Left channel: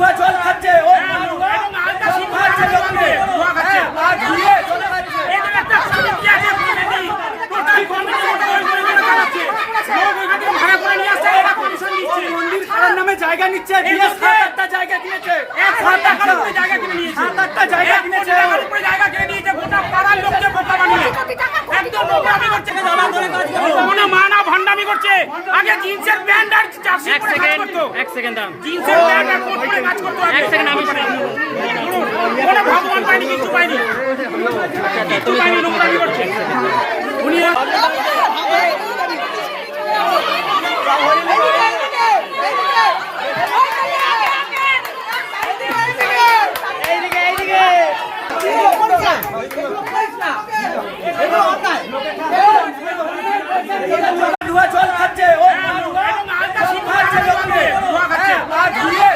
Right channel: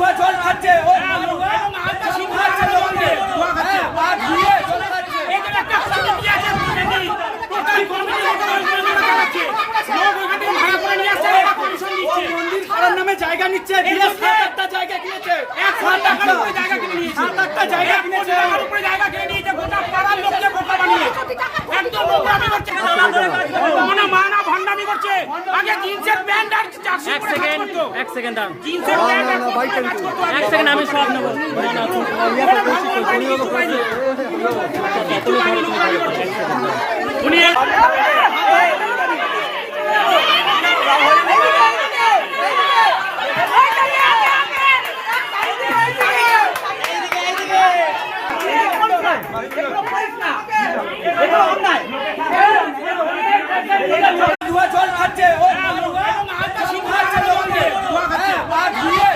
ধোয়া জল খাচ্ছে, ও ধোয়া খাচ্ছে লোককে, ধুয়ে জল খাচ্ছে। এদের একটা কমিটি আছে, টোটাল কমিটি চালাচ্ছে। লোক ওইখান থেকে ভাড়া করে নিয়ে আসছে, এরা কমিশন দিচ্ছে। মন্দির করার নামে জায়গা নিচ্ছে, দিয়ে 7-8টা জায়গা কিনেছে, 7-8টা জায়গা কিনে নিয়েছে, 7-8টা জায়গা কিনেছে, জায়গা কিনে নিয়েছে, গোটা পাড়ার লোককে বোকা বানিয়ে একদম নোংরামি করছে, মনে মানা ভান্ডামি করছে। আগে জিন্সের প্যান্ট আর জার্সি পরে কাজ করতো, এক সেকেন্ড দাঁড়ান, জিন্সের প্যান্ট আর কোট পরে কাজ করতো। এক সেকেন্ড আমি সব নেব। কোনো ভগবান পায়নি, কিছু পায়নি। তুমি ধরো। উনি ধোয়া জল খাচ্ছে, ও ধোয়া খাচ্ছে লোককে, ধুয়ে